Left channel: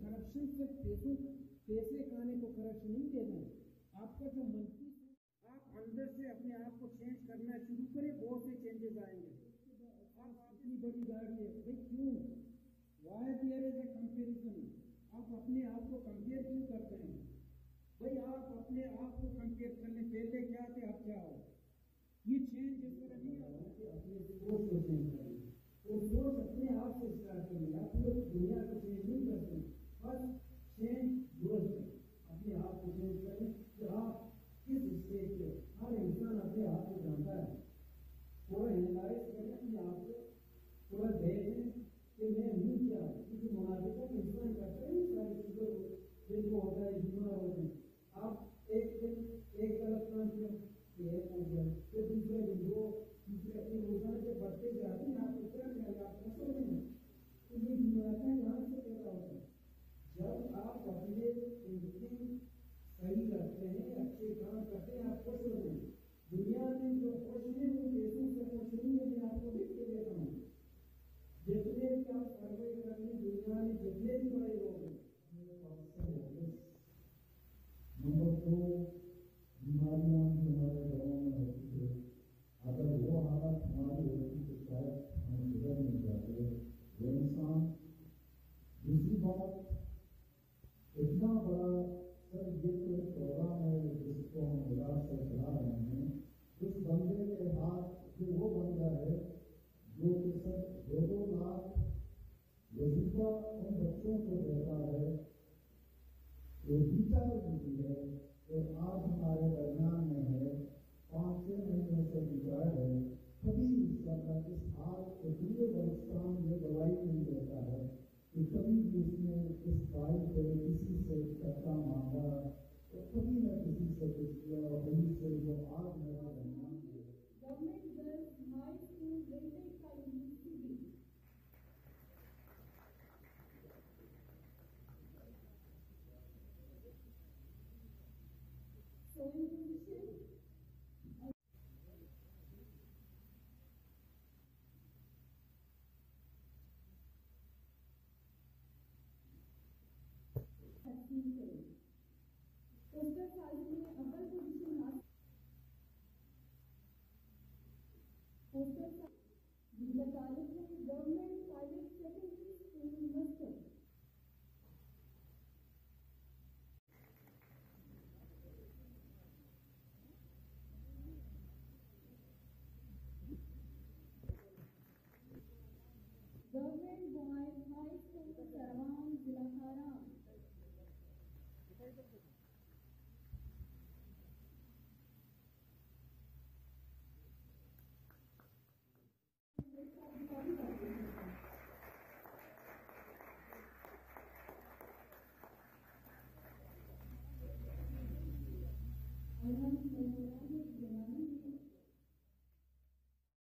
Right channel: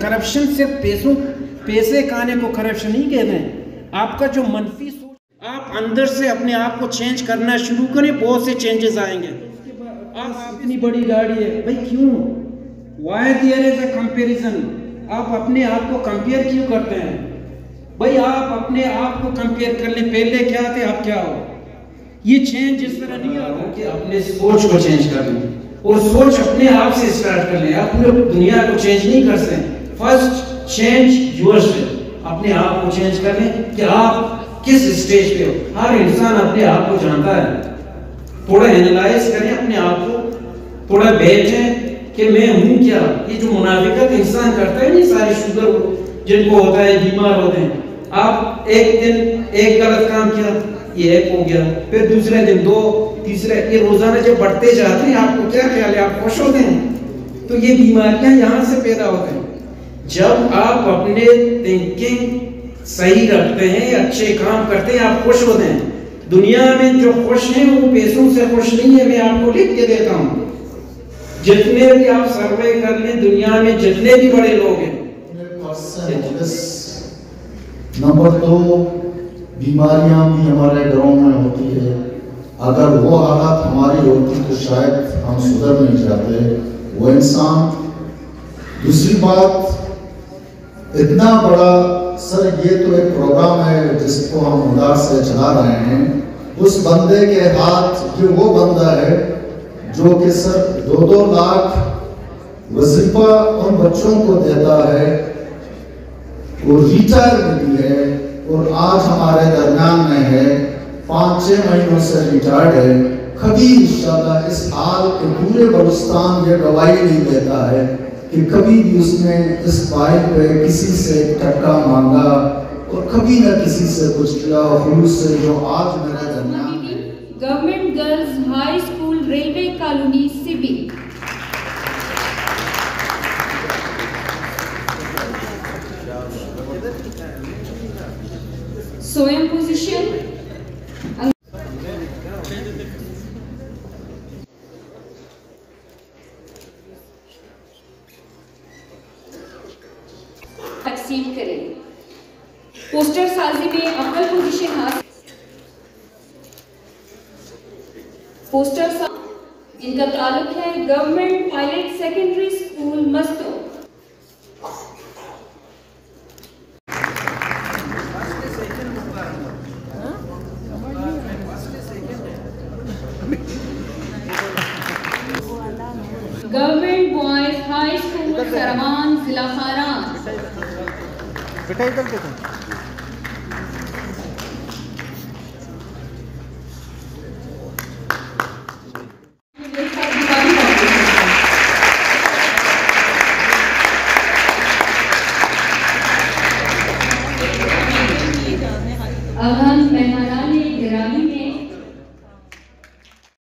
Corruption से पैसे खाने को करप्शन नहीं कहते हैं। आपका जो मनफी सोच, आप अंदर से अपने आप को चेंज करना शुरू करें, बहुत से चेंजेस आएंगे। आप इतनी बड़ी गाड़ी है भाई, क्यों? Why there is a comparison? आप अपने आप को कंपेयर क्यों करते हैं भाई? आप अपने आप को कंपेयर कर ले, पहले क्या थे अब क्या हो। ये चेंज इस तरह नहीं आता कि अपने सोच को चेंज कर लें, और सोच अपने आप से स्टार्ट कर लें। आप पूरे दुनिया को चेंज नहीं कर सकते। फर्स्ट चेंज योरसेल्फ, अपने आप को चेंज कर लें कि आप किस स्टेज पे हो। हर इंसान अपने आप को जानता है। थोड़ा एनालाइज करें अपने आप को, थोड़ा बैठें कि मैं हूं क्या। ये जो मुनाफिकत इंसान करता है, नहीं सारी शुगर जिनको होता है, बीमार होते हैं। आप एक दिन एक गलत काम किया, ये एक हो गया, फिर दूसरे दिन दो, तीसरे, ये रोजाना जब बढ़ते जाते हैं, आपको क्या ख्याल है, आप खुश होते हैं? तो ये बीमारियां यहां से पैदा होते हैं। जब आप अपने थिंकिंग सही रखते हैं, अच्छे काम करते हैं, आप खुश होते हैं। दुनिया में जो खुश हैं वो पैसों से खुश नहीं है। मैं आपको लिख के देता हूं, जितने भी आप सर्वे कर लें दुनिया में, जितने भी बड़े लोग हैं। नंबर 2, बीमारियां भी हमारे घरों में होती है। अगर वो हालात हमारी होती तो शायद हम सुधर नहीं जाते, वो इंसान। दूसरी बात, इतना बड़ा सर, ये तो एक प्रोग्राम है जिसको हम उदार से चला रहे हैं। उस बंदे के हाथ, ये वो बंदा है जो कि सर 2-2 लाख वजीफा उन बच्चों को देता है, वो रिटायर भी है और आज हमारे दरमियान में है, 5-6 महीनों से रिटायर्ड है। कभी इंशाल्लाह इस हाल के पूरे बलूचिस्तान ये गवाही नहीं देता है कि कभी भी उसने इस भाई पे किसी से टक्का मांगा और कभी न किसी से कुछ किया। खुलूस से जो आज मेरे दरमियान government girls high school, railway colony, Sibi. स्वयं पोजीशन, तकसीम करें। पोस्टर साजी में अव्वल पोजीशन हासिल, पोस्टर जिनका ताल्लुक है government pilot secondary school Masto. Government boys high school Sarawan, जिला खारान।